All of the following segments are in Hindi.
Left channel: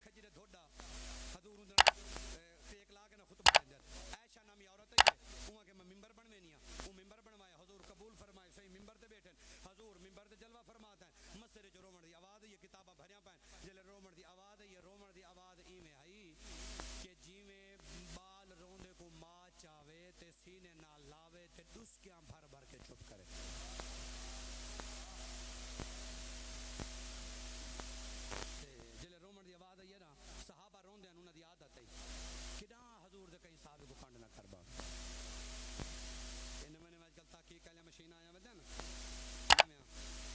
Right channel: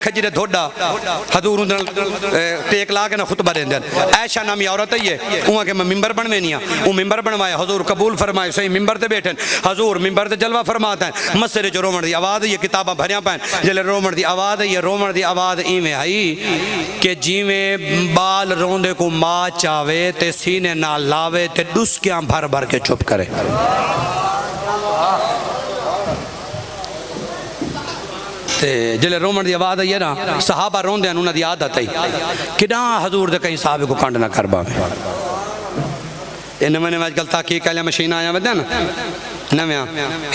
खजरे धोड़ा हजूर टेक ला के ना खुतबा देंदे ऐशा नामी औरत ही है उहाँ के मैं मिंबर बनवेनी वो मिंबर बनवाया हजूर कबूल फरमाए सही मिंबर ते बैठे हजूर मिंबर ते जलवा फरमाता है मसरे जो रोमन की आवाज़ ये किताबा भरिया पैन जल्ले रोमन की आवाज़ ये रोमन की आवाज़ इवें आई कि जिमें बाल रोंदे को माँ चावे ते सीने ना लावे ते डुस्कियां भर भर के चुप करे। जिले रोमन की आवाज़ आई है ना सहाबा रोंदे उन्होंने की आदत आई कि हजूर दे कहीं साहब को कंड ना कर पावे नवे नवे अजकल ताकि कल मशीन आया वे ना नव्या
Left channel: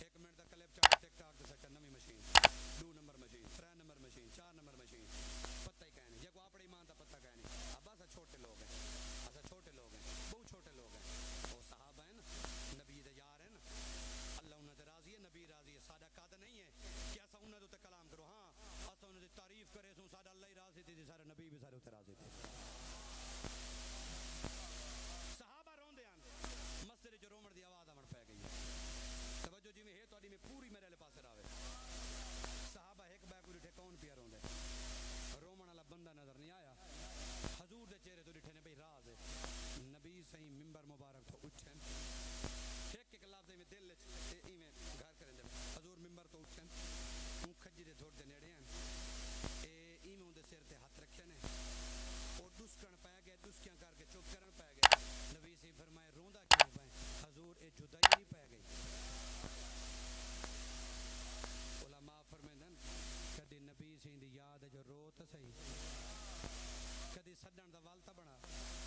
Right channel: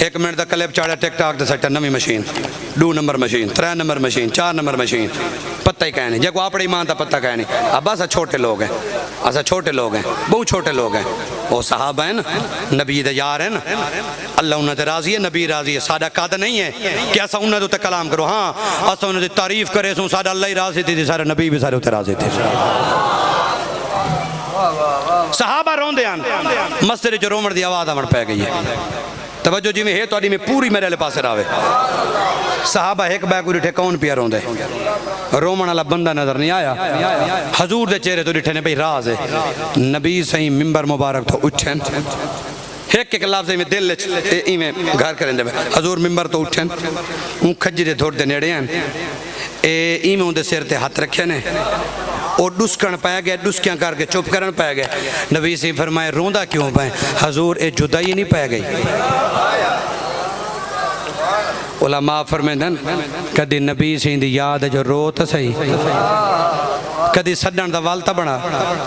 1 मिनट का क्लिप चाड़ा टिकटॉक से सट्टा नवी machine 2 number machine 3 number machine 4 number machine पत्ता ही कहने जो अपनी मां का पत्ता कहने अब असा छोटे लोग हैं असा छोटे लोग हैं बहुत छोटे लोग हैं वो साहब है ना नबी दे यार है ना अल्लाह उन्होंने राजी है नबी राजी है साडा कद नहीं है कि असा उन्होंने उत्ते कलाम करो हाँ असा उन्होंने तारीफ करे सो साडा अल्लाह ही राजी थी सारे नबी भी सारे उत्ते राजी थे सहाबा रोंदे हैं मस्जिद जो रोमन की आवाज़ आवन पै गई है तवज्जो जिमें है तो में पूरी मेरे वाले पासे आवे सहाबा एक बैग डिठे कौन पिया रोंदे रोमन वाला बंदा नजर नहीं आया हजूर दे चेहरे तो डिठे ने भाई राज है नबी सही मिंबर मुबारक तो उठन एक लफ्ज में दिल इवें घर करेंदे हजूर मिंबर तो उठन हूँ खजरे थोड़े दे नेड़े हैं इवें उनके सिर ते हाथ रखे ने और डुस्कन पै गया डुस्कियां करके चुप करन पै गया नबी से फरमाए रोंदा क्यों पे हजूर ये जुदाई नहीं पै गई उलमा फरमांदन कदी नबी सिंह दी याद जो रो तो सही कदी सडन का वल बना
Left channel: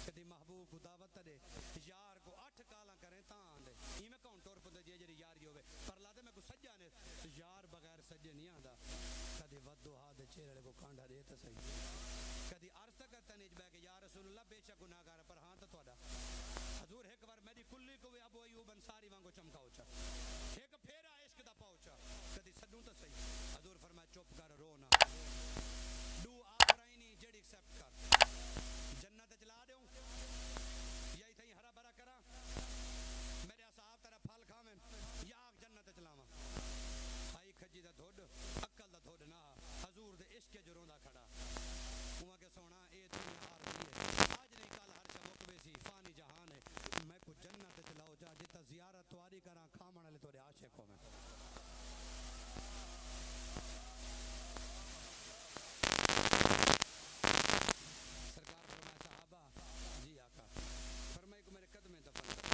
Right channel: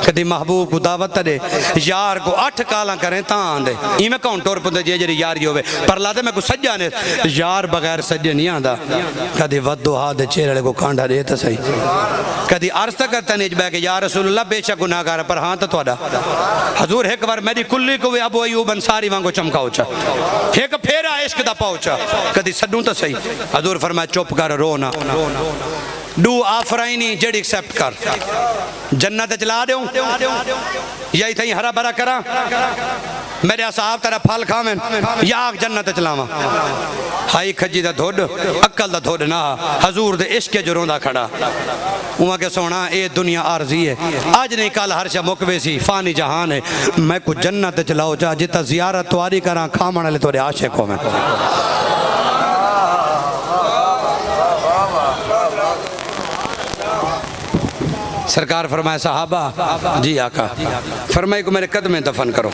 कदी महबूब को दावत दे यार को 8 काला करें ता आंदे इवें कौन टुर पुंदे जे जी यारी होवे पर लादे मैं को सज्जा ने यार बगैर सज्जे नहीं आंदा कदी वदो हाथ चेहरे वाले को कांडा दे तो सही कदी अर्ज तक करता नहीं बह के यार रसूलुल्लाह बेशक गुनाहगार पर हाँ तो थोड़ा हजूर एक बार मेरी कुल्ली को भी अबू अयूब अंसारी वांगो चमकाओ चा एक फेरा इश्क दा पहुंचा कदी सडू तो सही हजूर फरमाया चुप कर रो ना डू आफराइनी जेडी एक्सेप्ट कर जन्नत चला दो यही थी हरा भरा करा मेरे असहाब तेरा फल खावें या जन्नत चलावा हाई खजी दा धोड अक्ल दा धोड ना हजूर दे इश्क जो रोंदा खड़ा उहाँ के सोना ये दुनिया आरजी है आज नहीं कल हर शा मुकवे सी फानी जहान है मैं कुछ जन्नत चलाओ जा जिता जियारत तुआरी करा खामण वाले तोरे आशिक हो मैं सरकार फरमाए साहबा जी आका फरमाए को मेरे कदम में दफन करो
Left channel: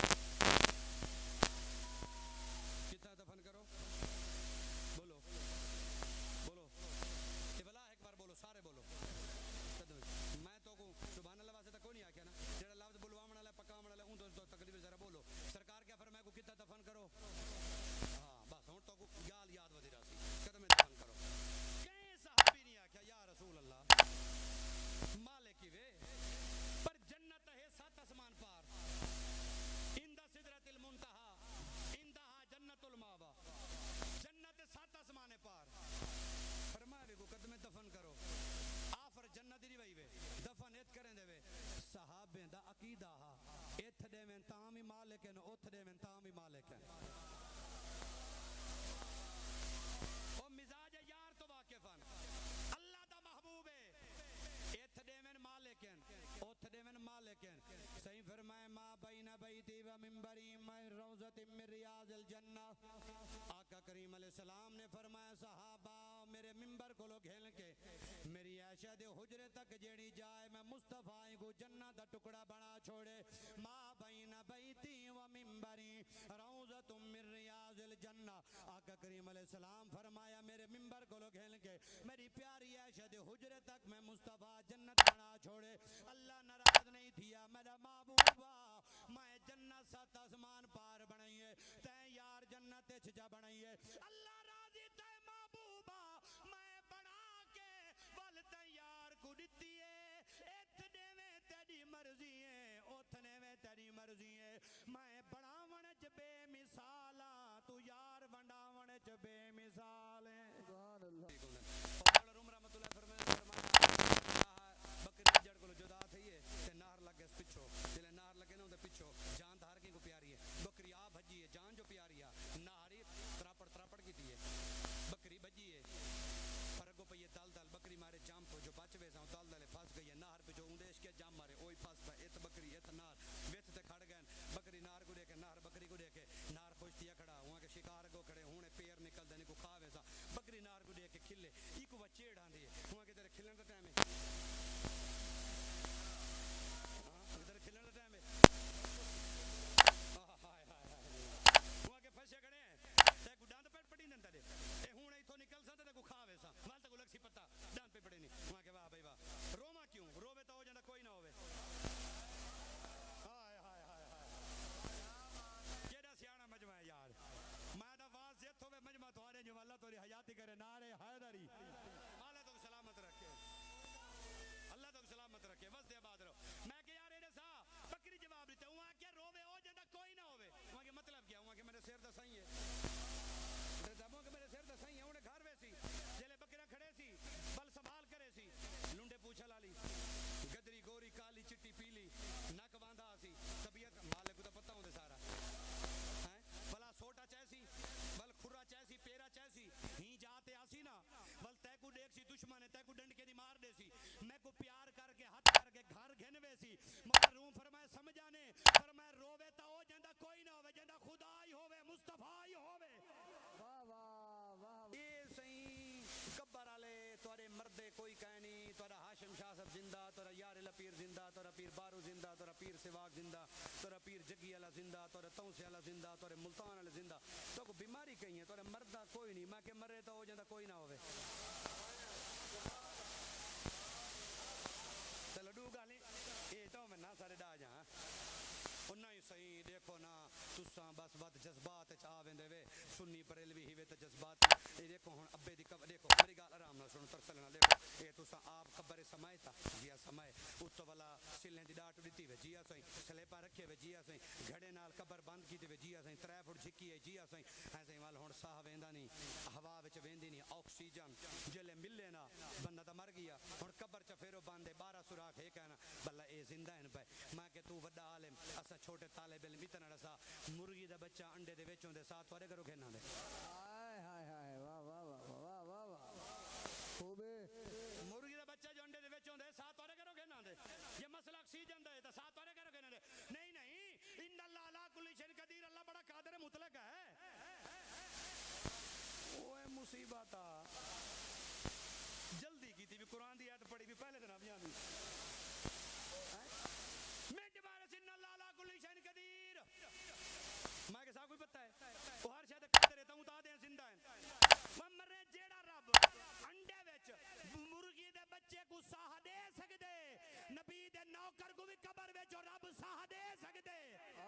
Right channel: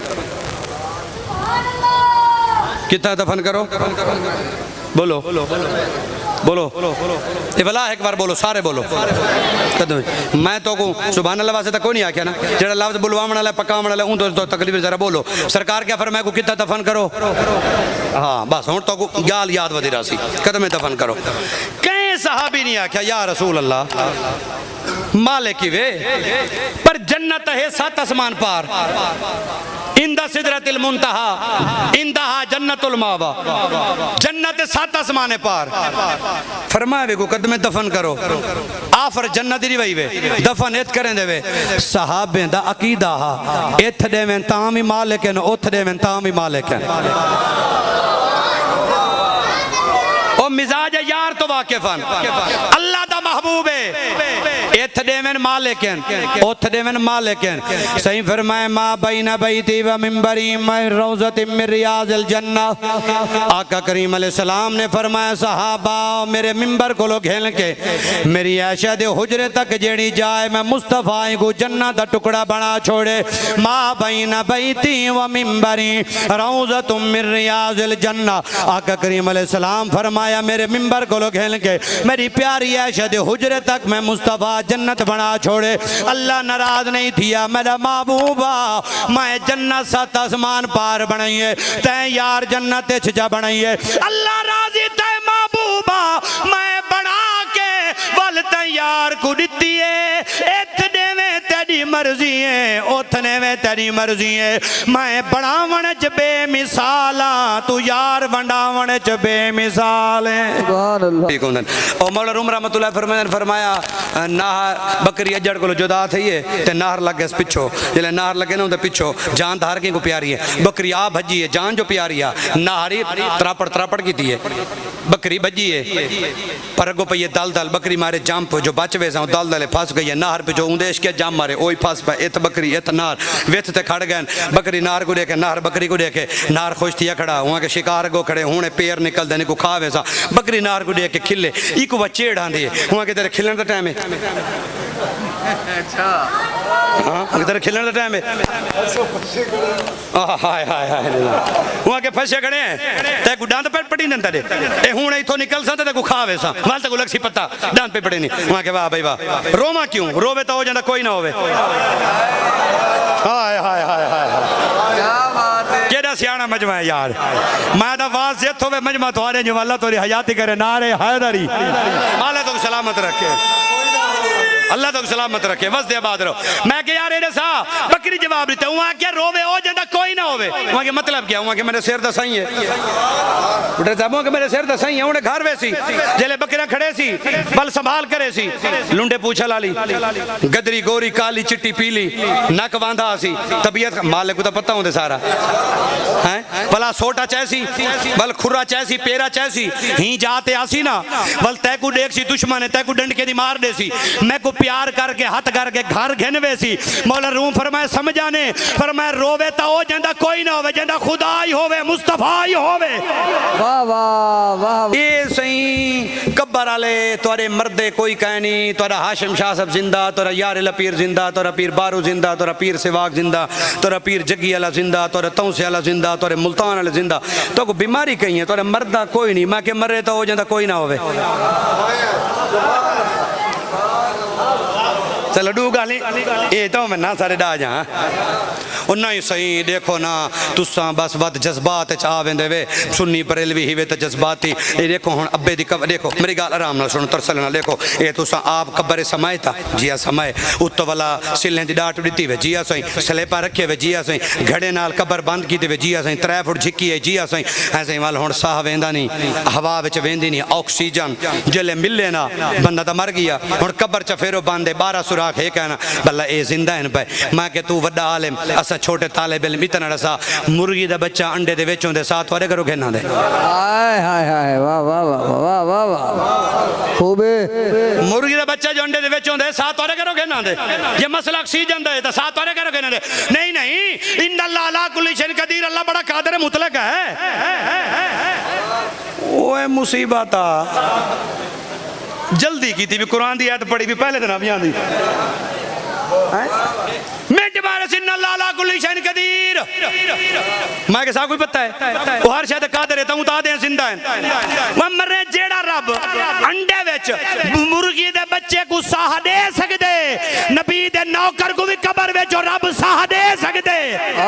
कितना दफन करो बोलो बोलो ये भला एक बार बोलो सारे बोलो कदम मैं तो को सुभान अल्लाह वास्ते कोई नहीं आख्या ना जेड़ा लफ्ज बुलवावण वाला पकावण वाला उन तो तकलीफ जरा बोलो सरकार क्या फरमाए को कितना दफन करो हाँ बस हुण तो को गाल याद वधी रासी कदम में दफन करो कहीं सहाबी नहीं आख्या या रसूल अल्लाह मालिक वे पर जन्नत है 7 आसमान पार इंदा सिदरतिल मुंतहा इंदहा जन्नतुल मावा जन्नत 7 आसमान पार फरमाए को कदम दफन करो आफर जन्नत ही वही वे दफन इत करें देवे सहाबे दा अकीदा हा इत देवें तां भी मालिक है उथ देवें तां भी मालिक है ओ मिजाज यार तो वाकिफन अल्लाह दा महबूब है इथ देवन मालिक हैं उथ देवन मालिक हैं सही फरमाए मा बैना बैती व मिंबरी मैं रौज़तिन मिन रियाज़िल जन्नह आका करीम अलैहि सलाम ने फरमाया सहाबा मेरे मिंबर को लो घेल के मेरी आयशा दे हुजरे तक जेड़ी जाए मैं मुस्तफा को जन्नत दा टुकड़ा बना छोड़े मा बैना बैती व मिंबरी रौज़तुन मिन रियाज़िल जन्नह आका करीम अलैहि सलाम फरमाया मेरे मिंबर को लो घेल के मेरी प्यारी आयशा दे हुजरे तक मैं मुस्तफा जन्नत बना छोड़े अल्लाह नाराज नहीं थिया मेरा महबूबा मैं जन्नत 7 आसमान पार बनाइए तै यार जन्नत जा बनाइए अल्लाह राजी तै महबूबा मैं बना के वल तैयार को दिती है इथ देवे तेरी मर्जी है उथ ने वे तेरी तेरी मर्जी है मैं बनावण च बेमिसाला तू यार वंडावण च बेमिसाल है ठीक होंदन और मौला रूम रहमतुल्लाह फरमाया नाहर बकरी अजड़ को जुदा थई है ते नाहर लगे पिछो जले नाहर लगे ना उनदे पिछो जान धार के को प्यारी है बकरी आ भजी है जान जो प्यारी है नाहरी त्रापड़ कीती है बकरी भजी है पर अगो पई दल दल बकरी मारे जंप जो बच वे सा दल दले फंस गई है नाहर पे जो उंदेश के जम मारे ओई फंस पे इत बकरी इत नार वेथ ते खड़ गए बकरी नार को देखे नार बकरी को देखे नार खुश थिया खड़ा वहां के शिकार गो खड़े हुने पैर निकल देने को खावे सा बकरी नार को देख के खिले इको बचेड़ आंदी वहां के तेरे खिलन दा टाइम है अच्छा हां तेरे खिलन दा टाइम है हाय हाय हाय वहां के फसे खड़े ते को डांद पे पड़ी नंदा दे ए हुने इथों निकल सा ते को खावे सा वाल ते को लक्सी पत्ता डांद पे पड़े नहीं वहां के वाह भाई वाह रोमा क्यों रोवे तो हो जांदा कोई ना होवे हाय हाय हाय हाय क्या बात है केड़ा सियाना मजमा है यार मैं दा वाज जे होवे मजमा तुम्हारे जो अल्लाह तोरी हयाती करे नारे हैदरी माले तो सलामत रखे अल्लाह तो सलामत रखे बस दे बाद रहो मैं के यार एडे सा बकरी जवाब देते वहां क्या रोवे हो जाता कोई ना होवे वहां के मतलब क्या वहां के मेरे सिर दा सही है बुढ़े साहब के मेरे सिर दा सही है उन्हें घर वैसी जेले बकरियां खड़े सी बल संभाल करे सी लुंडे पूछा लाली गदरी गोरी काली चिट्टी पीली नक वांदा सी तबीयत मालिक को तो पता होंदे सारा हैं भला सोटा चैसी बल खुरा चैसी पेरा चैसी ही जाते आसी ना बल तै को देख सी दुश्मन है तै को डंड के दी मार दे सी मैं को प्यार करके हाथ करके घर घिनवे सी मौला रूम फरमाए समझाने फरमाए रोवे ता हो जांदा कोई ना होवे जांदा खुदा ही होवे मुस्तफा ही होवे वाह वाह वाह ये सही कब्बर वाले तोरे मर्दे कोई कह नहीं तोरा हाशिम शाह सब जिंदा तोरा यार पीर जिंदा तोरा पीर बारू जिंदा तोरा पीर सिवाक जिंदा तोरा पीर जग्गी वाला जिंदा तोरा तौसे वाला जिंदा तोरे मुल्तान वाले जिंदा तो को बीमारी कही है तोरे मर्दा कोई नहीं मैं के मरे तो हो जांदा कोई ना होवे चलो डू गाली ये तो मैं ना सारे डा जा उन्ना ही सही देखो ना तुसा बस बात जज्बात आ वेंदे वे सुन्नी बरेलवी ही वे तो जज्बाती ये देखो हुन अब्बे दी कब्र देखो मेरी गाल आराम नाल सुनो तरसल ना देखो ये तुसा आप कब्र समय था जिया समय उत वाला सिलें दी डाट दित्ती वे जिया सही स्लेपा रखे वे जिया सही घड़े नाल कब्र बंद कीती वे जिया सही 3 फुट झिकी है जिया सही ऐसे वाल हुन साह वेंदा नहीं हवा विच वेंदी नहीं ऑक्सीजन जले मिले ना बंदा तो मर गया हुन कब्र च फेरो बंद है 12 सुराख है कहना भला ए जिंदा है पे मैं के तू वड्डा आलिम असा छोटे तालिब इल्म इतना रसा मुर्गी दा बच्चा अंडे दे विचों दे साथ वारे करो घेना दे हाय हाय हाय वाह वाह वाह वाह वाह खूबे मुर्गी दा बच्चा जो अंडे दे विचों दे साथ वारे करो घेना दे ये मसला ऑक्सीजन दा है तो साथ वारे करो घेना दे नहीं नहीं इन्नल्लाह अला कुल्ली शैइन कदीर अल्लाह बड़ा कादिर मुतलक है ओए मुसीबत जल्दी की थी भी कुरान दी आयत पढ़ी भी पहले दिन अभी आंदी मिनट मारे सिन्नल्लाह अला कुल्ली शैइन कदीर मैं के साथ कोई पता है वो हर शायद कादिर है ता दे जिंदा है वो मरे जेड़ा रब अंडे विच मुर्गी दे बच्चे को साह दे सकदे नबी दे नौकर को भी कब्र विच और